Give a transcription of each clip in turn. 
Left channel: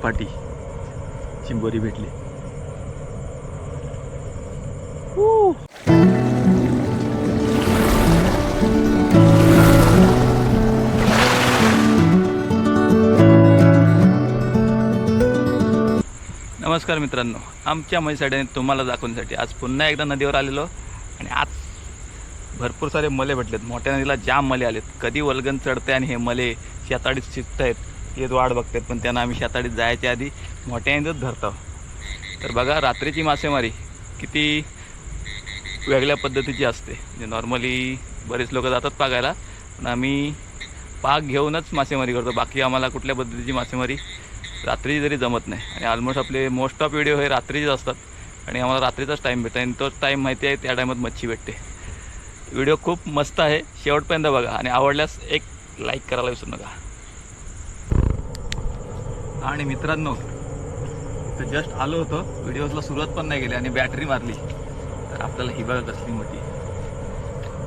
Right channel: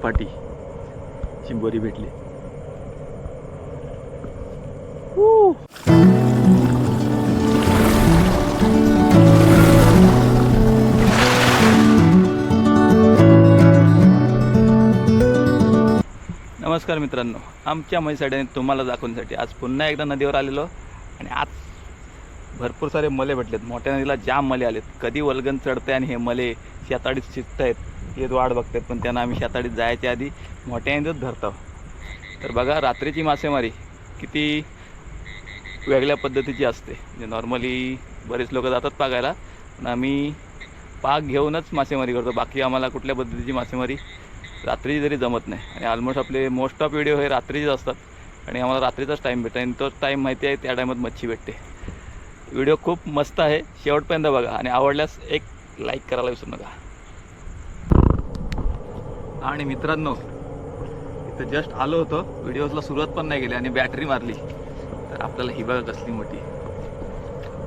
धपाटी चिंबोरी भेटली. नमस्कार मित्रांनो आमच्या म्हैसाड्याने तुम्हाला दाखवण्यासाठी आज पुन्हा एकदा नदीवर आलेलो आणि आज भरपूर सारे मले भेटलेत. मोठ्या नदीला जाम मले आलेत. कधी वलगन चढते आणि हे मले शेताडीत शिकत आहेत. येत वाट बघतात पण त्यांना आम्ही शेताडीत जायच्या आधी मोठ्या नदीत धरतो. तर बघा रात्रीची मासेमारी किती वेगळ्या पद्धतीची असते. म्हणजे नॉर्मली बरेच लोक जातात पागायला पण आम्ही पाग घेऊनच मासेमारी करतो. बाकी आम्हाला कुठल्या पद्धतीची मासेमारी रात्रीची जरी जमत नाही. आणि ऑलमोस्ट आपले मोस्ट ऑफ व्हिडिओ हे रात्रीचेच असतात. आणि आम्हाला रात्रीचाच टाईम भेटतो. आणि तोच टाईम माहिती आहे त्या टाईमात मच्छी भेटते. व्हिडिओ खूप मस्त आहे. शेवटपर्यंत बघा. आणि आवडल्यास एक लाईक करायला विसरू नका. आणि मित्रांनो इथं जस्ट आलो होतो. व्हिडिओजला सुरुवात पण नाही केली आणि बॅटरी मारली. तर आपल्याला ही बघा कसली मोठी.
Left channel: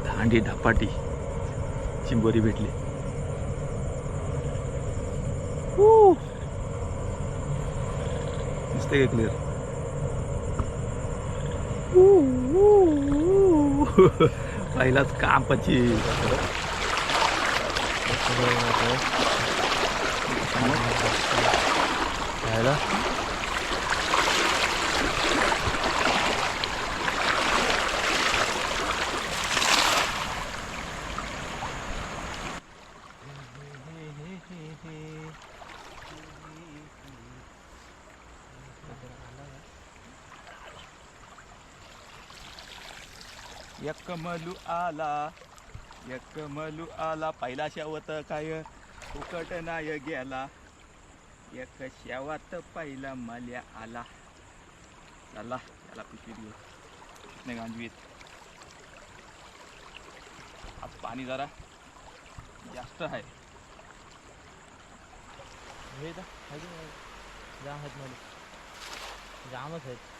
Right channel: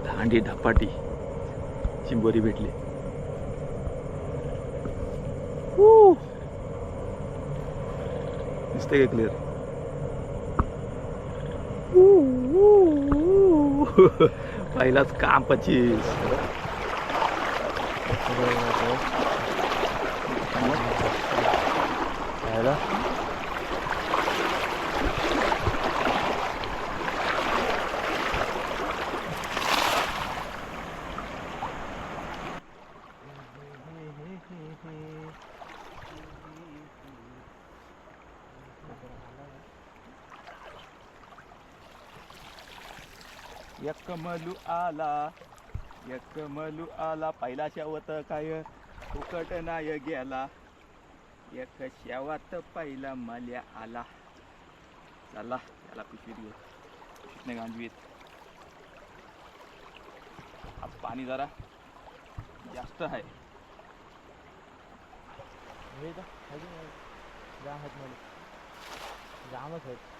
दांडी धपाटी. चिंबोरी भेटली. दिसते का क्लिअर पहिलाच कांपाची. यकमलू आला यकमलू आला. पहिला शेवत काय? फुकट नाय गेला. एक शेवात पहिला मल्या आला. चला याला पिशवीत घेऊ नाही गांजवीत. आज पाणी जरा जास्त आहे. जामच आहेत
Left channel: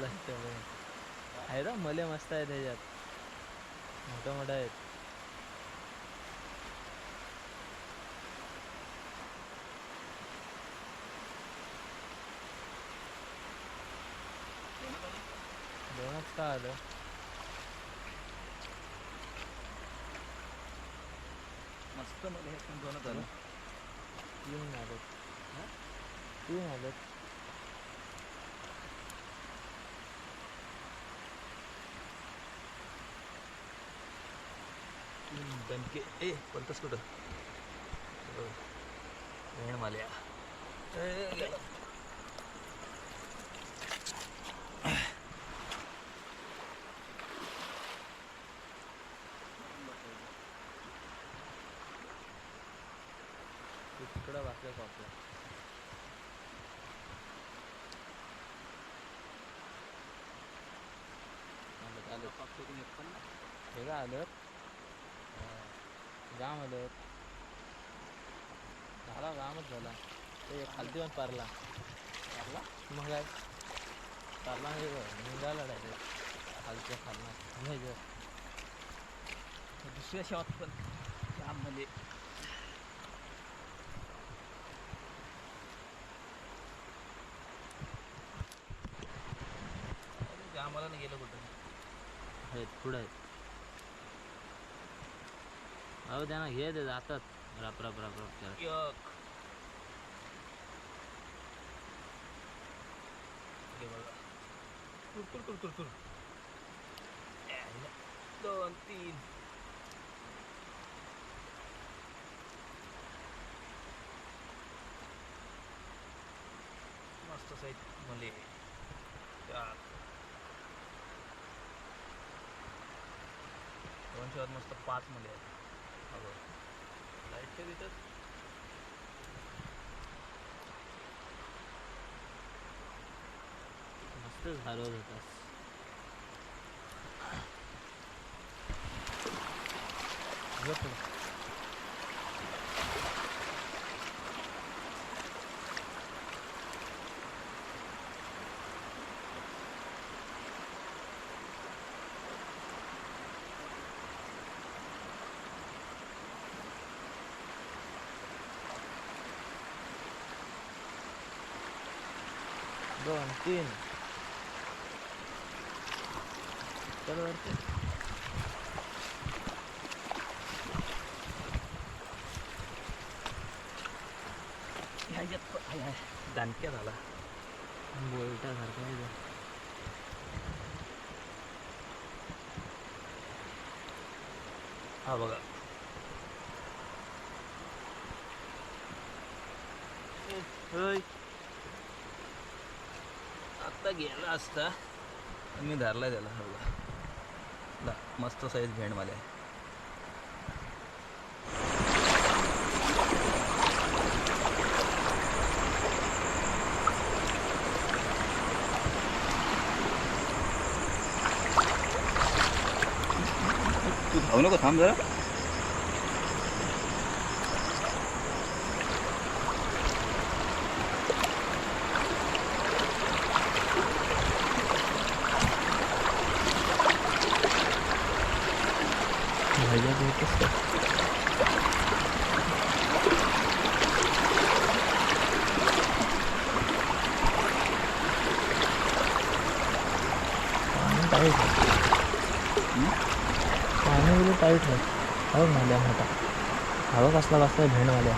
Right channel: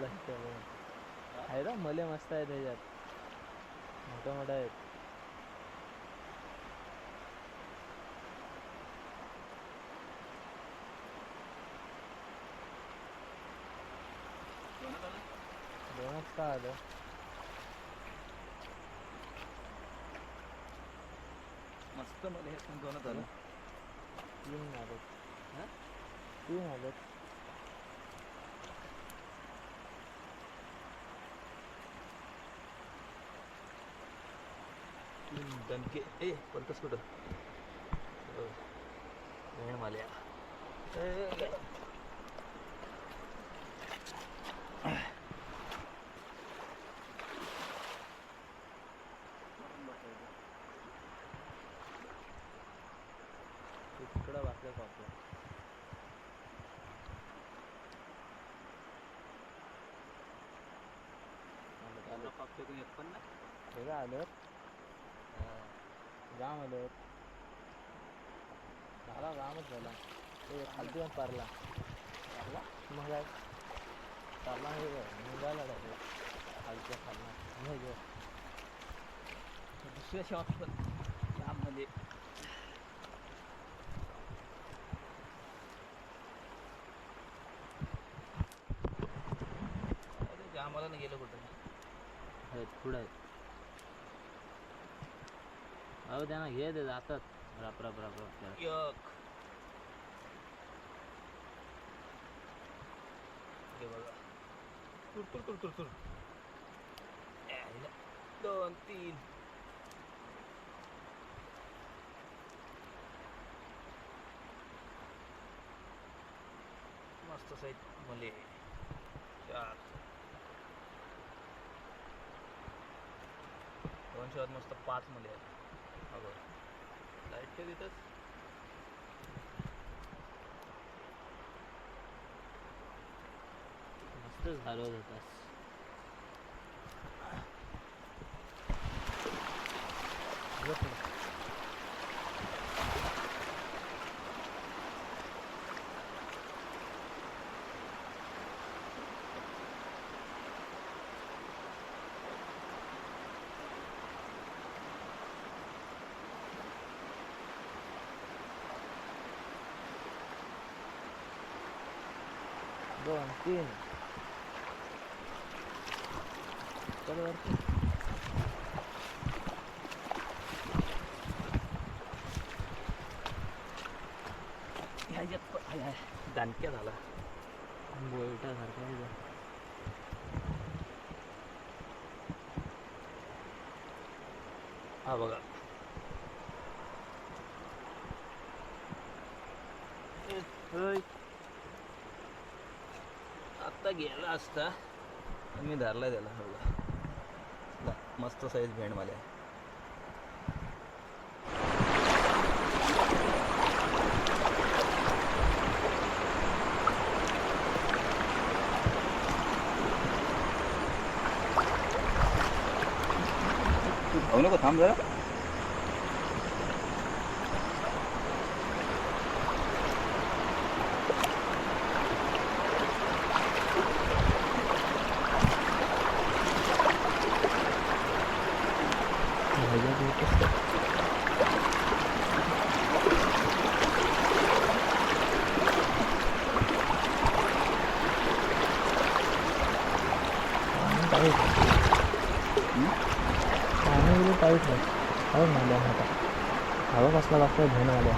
इथला आहे ना मले मस्त आहे त्याच्यात मोठ्या मोठ्या आहेत. दोनच का आलं? मस्त मध्ये हे दोनच आलं. तीन आलं तीन आलं तीन दणके ए बोलतोस कुठं वेळ माल्या. तिकडं वाचलं हे काय आलं जाम आलं. झाला जामच झाला. ते खालती पण पारला. पारला? मग काय? पारला म्हणजे काय? निघाला खालच्या खालना. नाही गं. दुसऱ्या शेवात पण त्यामध्ये जामाला नाही गेलं कुठं? आहेत पुढं आहेत. अहो त्यांना घे ते जातात. राप राप राप राप करत. यक हे बघा. तुर तुर तुर तुर तुर. दोन तीन. मस्त साईज मले. चार. दोनशे मस्त पाच मले. आहेत लाइट काय देतात मस्त झालं होतास. दोन तीन चल वरती. दानक्या झाला बोलटासारखं आहे ते. हा बघा असता गेला असता. मी धरला त्याला. हो हा मस्त साईज भेंड मला तू धावू नको थांब जरा ह्याच्यात येतच का? पाणी टाईट आहे. पाणी वगैरे टाईट आहे हो माल्या मोठा हवा कसला कसला भेंड माल्या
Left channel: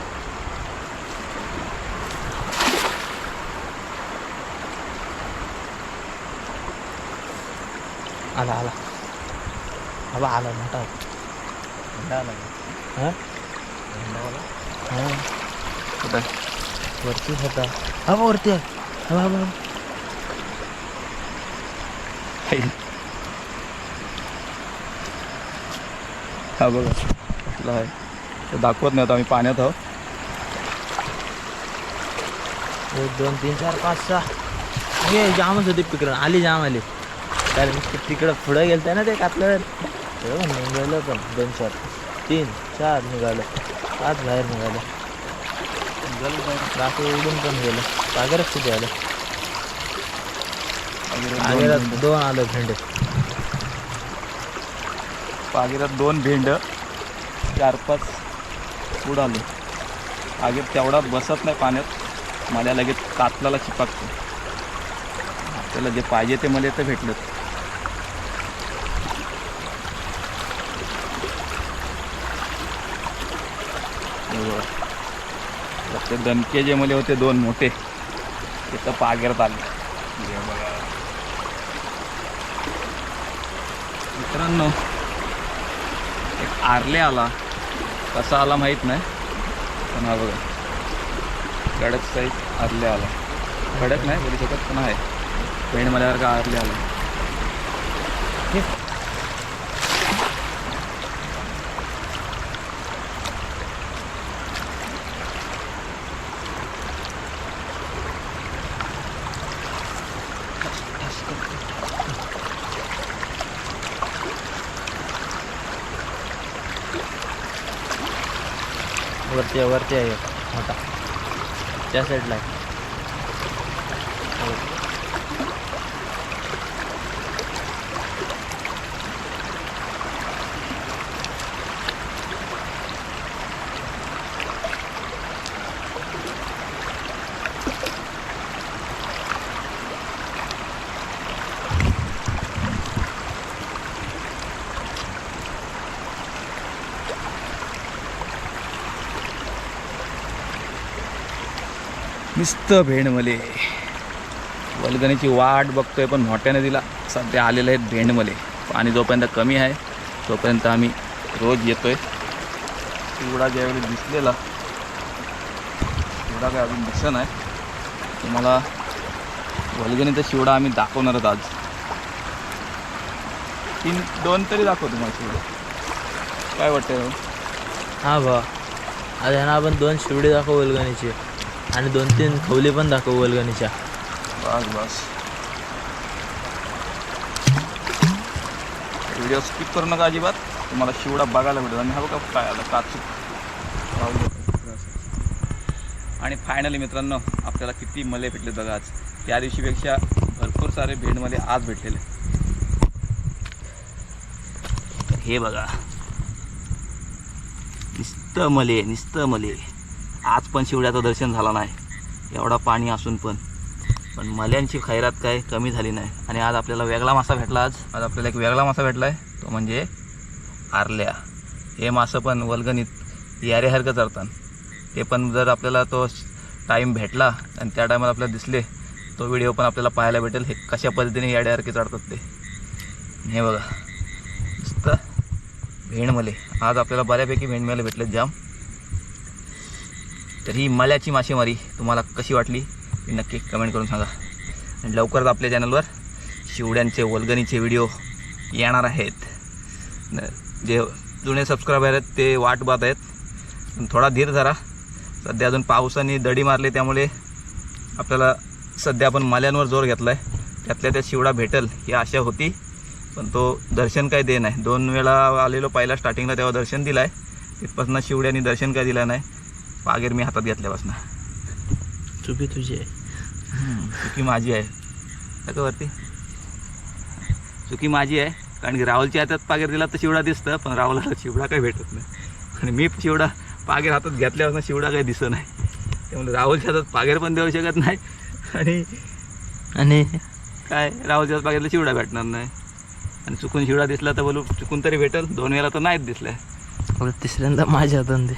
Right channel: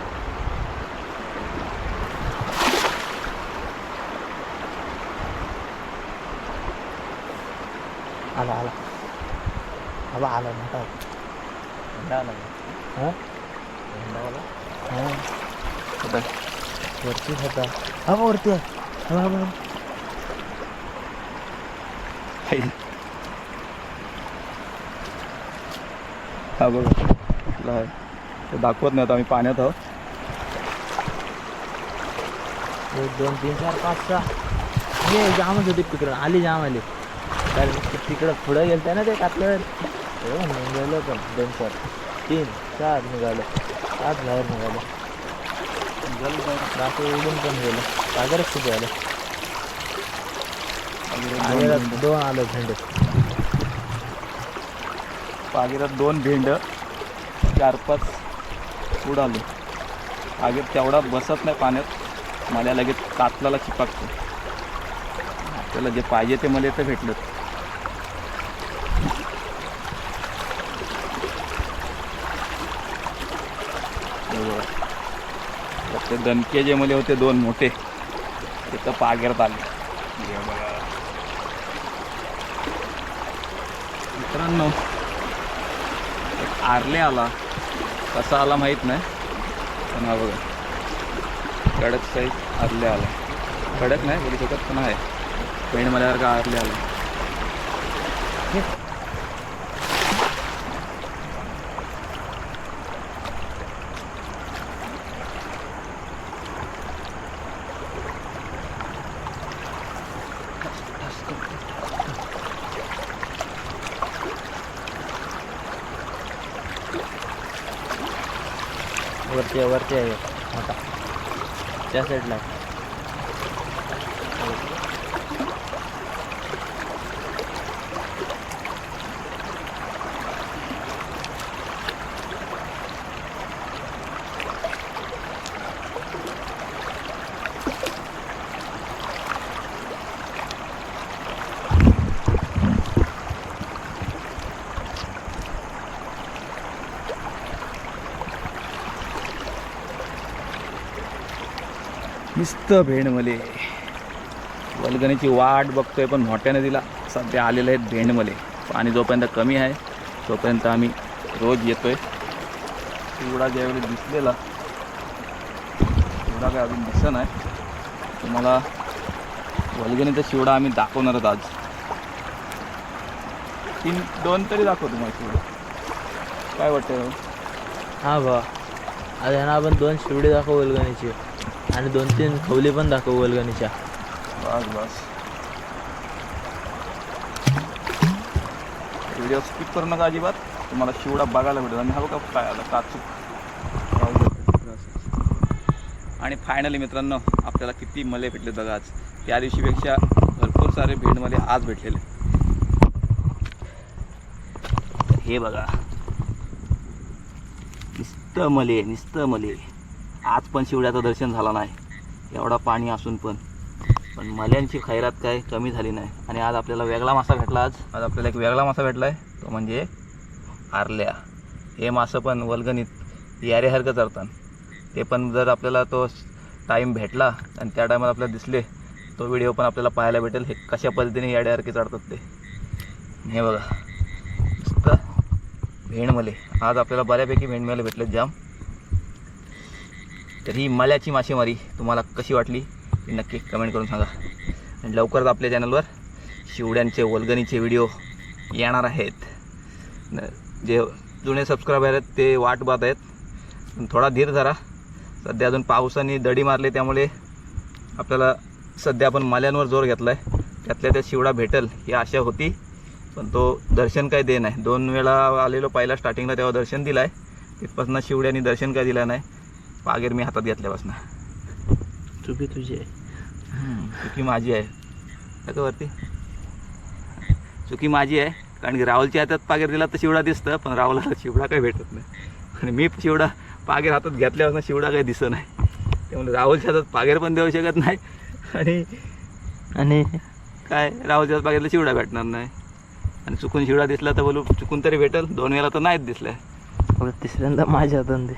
आला आला. हवा आला मोठा आला. हां? भेंडावाला हां. कुठं? वरतीच होता. हा बा वरती आहे. हा बा, हा बघा. कुठला आहे? तो दाखवत नाही आता आम्ही पाण्यात आहोत. एक दोन तीन चार पाच सहा. ये जामच होती तिकडं. आली जाम आली. कारण तिकडं पुढं गेलं ना ते कापल्यावर. तेव्हा निघालं पण. दोन चार. तीन चार निघालं. पाच बाहेर निघालं. बाकी उडून पण गेलं. सागरच किती आलं. दोन आलं झेंडे. पागिरात दोन भेंड चार पाच उडाले पागीर तेवढा बसत नाही पाण्यात. मला लगेच कातलाला चिपाकतो. आपल्याला जे पाहिजे ते मला तर भेटलं. ते दणके जे मले होते दोन मोठे ते तर पागेरात आले. मित्रांनो आरले आला कसा आला माहीत नाही. पण हा बघा. कडक साईज आरले आला कडक नाही बोलू शकत पण आहे. पेंड मल्यासारखा आरले आला वरती आहे वरती आहे मोठा. त्या साईडला आहे. नुसतं भेंड मले वलगणीची वाट बघतोय पण मोठ्या नदीला सध्या आलेले आहेत भेंड मले पाणी जोपर्यंत कमी आहे तोपर्यंत आम्ही रोज येतोय. एवढा ज्यावेळी दिसलेला एवढा काय अजून दिसत नाही तुम्हाला वलगणीचा शिवडा आम्ही दाखवणार आज. तीन दोन तरी दाखव तुम्हाला शिवडा. काय वाटतं हो? हा? भा आज ह्यानं आपण दोन शिवडे दाखव वलगणीचे. आणि दोन तीन खवले पण दाखव वलगणीच्या बस बस. व्हिडिओ स्किप करू नका अजिबात. तुम्हाला शिवडा बघायला भेटेल. आणि हा बघा काय आलं काचूक. आणि फायनली मित्रांनो आपल्याला किती मले भेटले बघा आज. त्या दिवशीपेक्षा भरपूर सारे भेंडमध्ये आज भेटलेले. हे बघा. निस्त मले नुसतं मले. आज पण शिवड्याचं दर्शन झालं नाही. एवढा पाणी असून पण. पण मल्यांची खैरात काय कमी झाली नाही. आणि आज आपल्याला वेगळा मासा भेटला आज. आज आपल्याला एक वेगळा मासा भेटला आहे तो म्हणजे आरल्या. हे मासं पण वल्गणीत यारेसारखं चरतात. ते पण जर आपल्याला तो टाईम भेटला आणि त्या टायमात आपल्याला दिसले तो व्हिडिओ पण आपल्याला पाहायला भेटेल. हे कशा पद्धतीने याड्यासारखे चढतात ते. हे बघा. नुसतं भेंडमले. आज आपल्याला बऱ्यापैकी भेंडमले भेटलेत जाम. तर ही मल्याची मासेमारी तुम्हाला कशी वाटली ते नक्की कमेंट करून सांगा. आणि लवकरच आपल्या चॅनलवर शिवड्यांचे वल्गणीचे व्हिडिओ येणार आहेत. न- जे जुने सबस्क्रायबर आहेत ते वाट पाहत आहेत. थोडा धीर धरा. सध्या अजून पावसाने दडी मारली त्यामुळे आपल्याला सध्या आपण माल्यांवर जोर घेतला आहे त्यातल्या त्यात शिवडा भेटेल ही आशा होती. पण तो दर्शन काय दे नाही. दोन वेळा आलेलो पहिला स्टार्टिंगला तेव्हा दर्शन दिलं आहे तिथपासून शिवड्याने दर्शन काय दिलं नाही. पागेर मी हातात घेतल्यापासून. चुकी तुझी आहे. चुकी माझी आहे. का वरती? चुकी माझी आहे कारण की राहुलच्या हातात पागेर दिला तर शिवडा दिसतं पण राहुलला शिवडा काही भेटत नाही. आणि मी शिवडा पागेर हातात घेतल्यापासून शिवडा काही दिसत नाही. त्यामुळे राहुलच्या हातात पागेर पण देऊ शकत नाही. आणि आणि काय? राहुलच्या हातात पागेरला शिवडा भेटणार नाही. आणि चुकून शिवडा दिसला तर बोलू चुकून तरी भेटेल. दोन वेळा तर नाहीच दिसलाय. तिसऱ्यांदा माझ्या हातात दे.